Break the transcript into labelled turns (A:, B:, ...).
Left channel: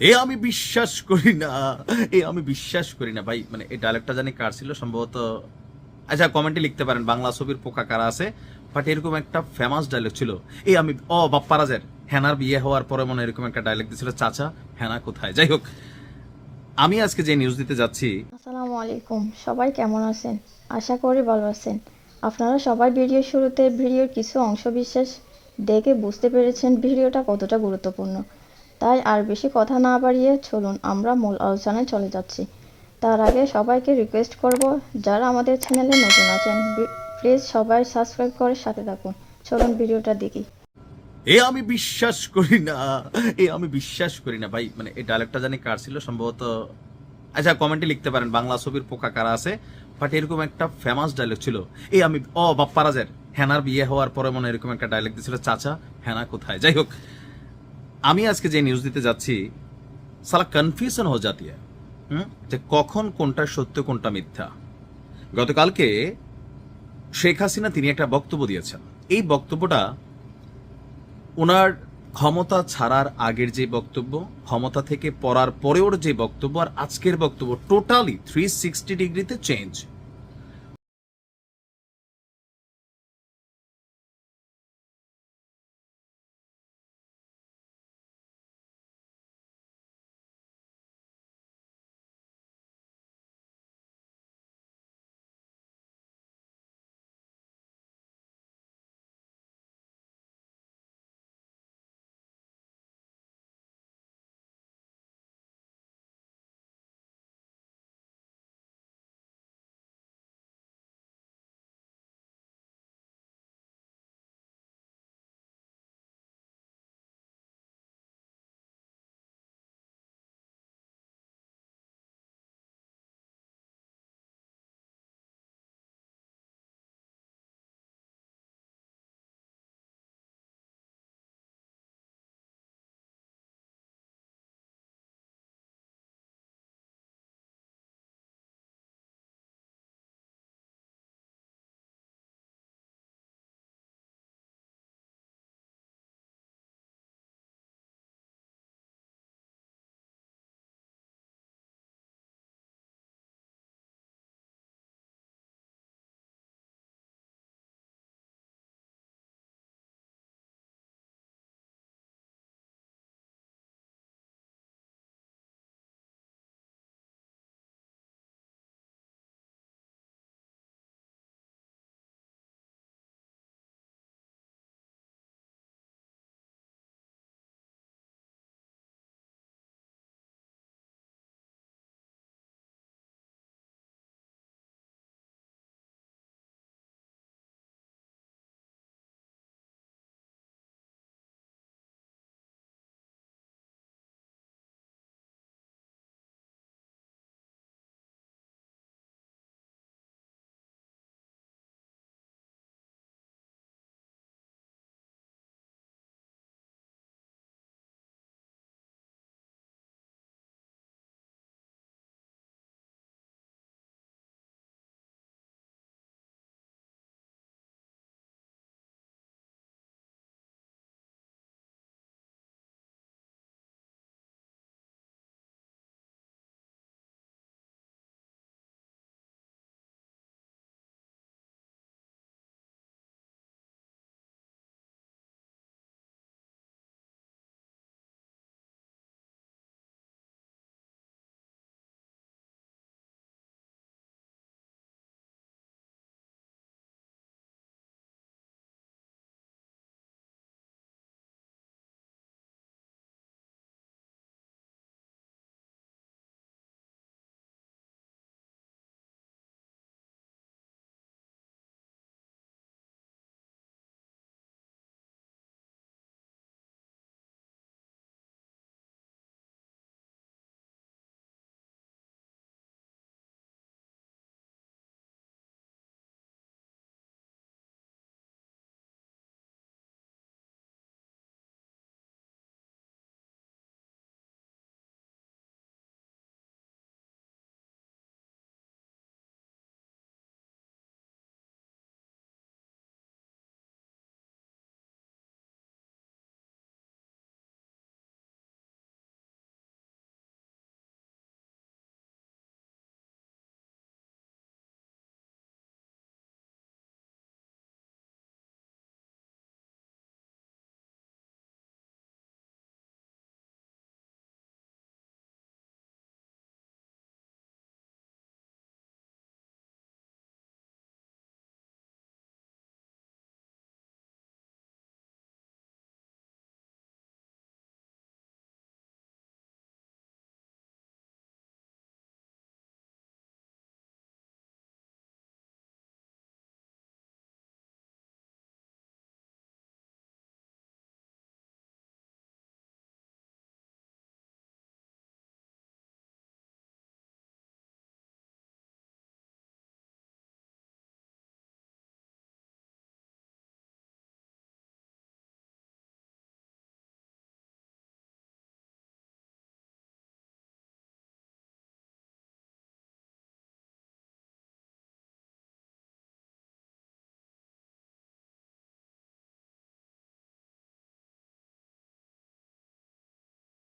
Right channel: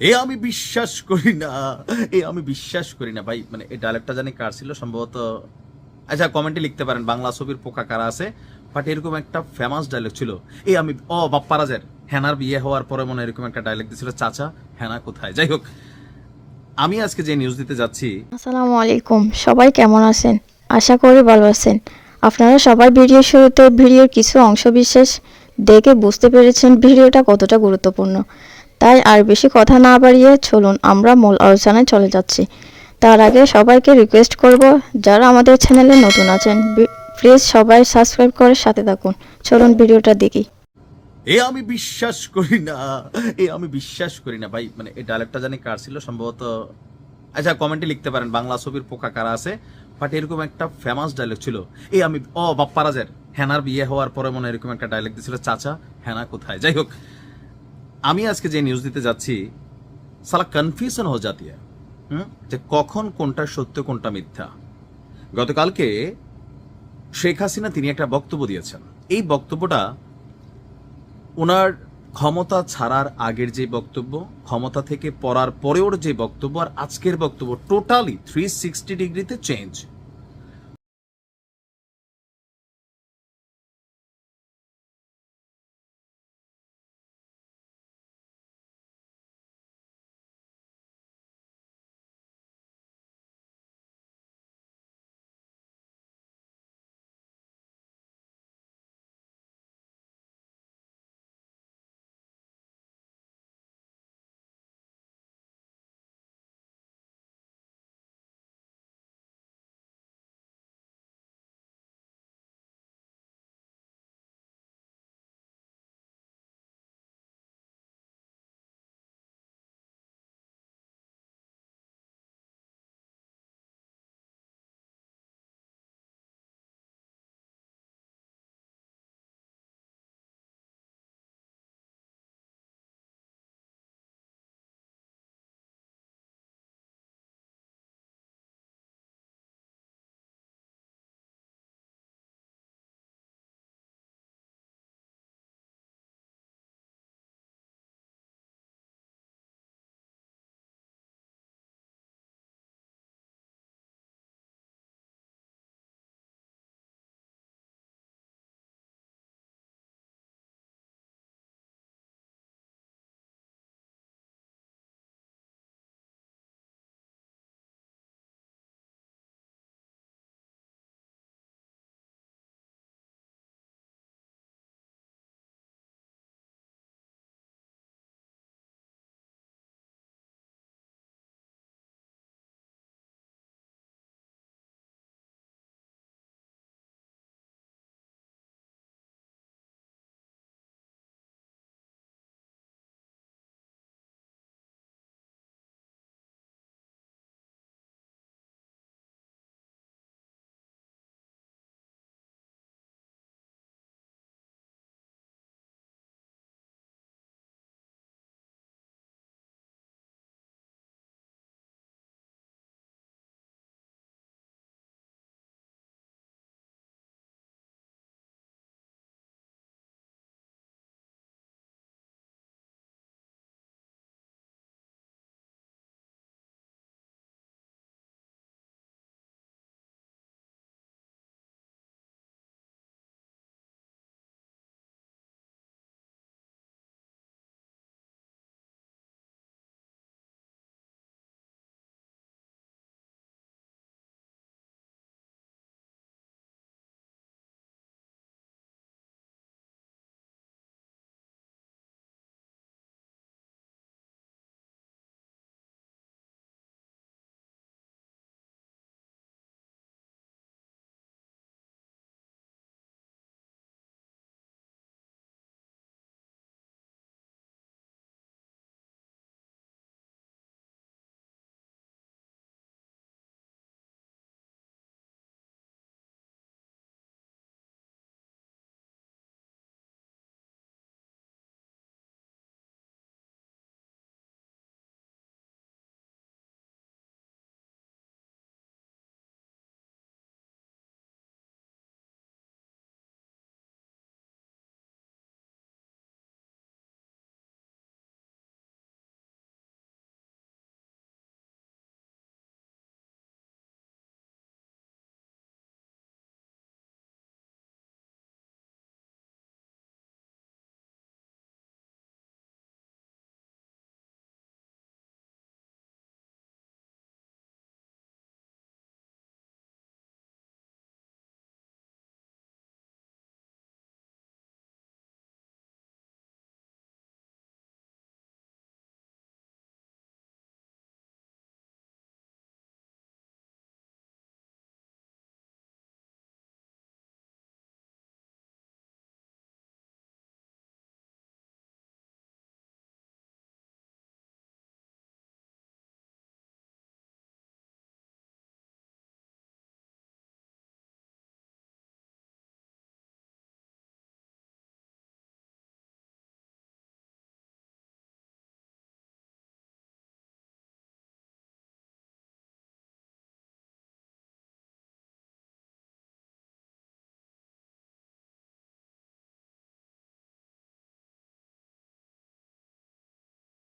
A: এ আমি বিশ্বাস করি না। এ আমি বিশ্বাস করি না। ভাই মানে এই ডায়লগটা জানি কার ছিল? সম্ভবত আচ্ছা কমেন্টে লিখতে পারেন, বাংলা ছবির পোকা কারা আছে? বাট এরকম একটা ফেমাস ডায়লগ ছিল। এ আমি, ও, বাপ্পারাজের হ্যানার বিয়ে হওয়ার পরে মনে এরকম একটা ডায়লগ দিছিল, চাচা হ্যানা কোথায়? যাই হোক, আমি আজকে যে নিউজ দিতে যাচ্ছি,
B: আসসালামু আলাইকুম। সবাই কেমন আছেন? আশা করি ভালো আছেন। আপনারা সবাই ভিডিও শুরুতে ভিডিওর কিছু অংশ বিশেষ দেখে বুঝতে পেরেছেন ভিডিওটা কতটা গুরুত্বপূর্ণ। তাই আর বেশি কথা না বাড়িয়ে চলুন, আমরা মূল আলোচনায় চলে যাচ্ছি। তার আগে সবাইকে রিকোয়েস্ট করব, যারা আমাদের চ্যানেলে নতুন আছেন প্লিজ সবাই সাবস্ক্রাইব করে সাথে থাকুন। চলুন ভিডিওটা দেখি।
A: এ আমি বিশ্বাস করি না, এ আমি বিশ্বাস করি না। ভাই মানে এই ডায়লগটা জানি কার ছিল, সম্ভবত আচ্ছা কমেন্টে লিখতে পারেন, বাংলা ছবির পোকা কারা আছে? বাট এরকম একটা ফেমাস ডায়লগ ছিল। এই আমি, ও, বাপ্পারাজের, হেনার বিয়ে হওয়ার পরে মনে এরকম একটা ডায়লগ দিছিল, চাচা হ্যানা কোথায়? যাই হোক আমি আজকে যে নিউজ দিতে যাচ্ছি, সালা কনফিউশন হয়ে যাতি যে কখন কোনটা সত্য, কোনটা মিথ্যা। গতকালকে শেখ হাসিনা তিনি একটা বক্তব্য দিয়েছেন। এই বক্তব্যটা ওনার ক্ষমতা ছাড়ার আগের যে বক্তব্য, ক্ষমতা থেকে পড়ার পরেও যে বক্তব্য আর আজকের বক্তব্য টোটালি থ্রি সিক্সটি ডিগ্রিতে চেঞ্জ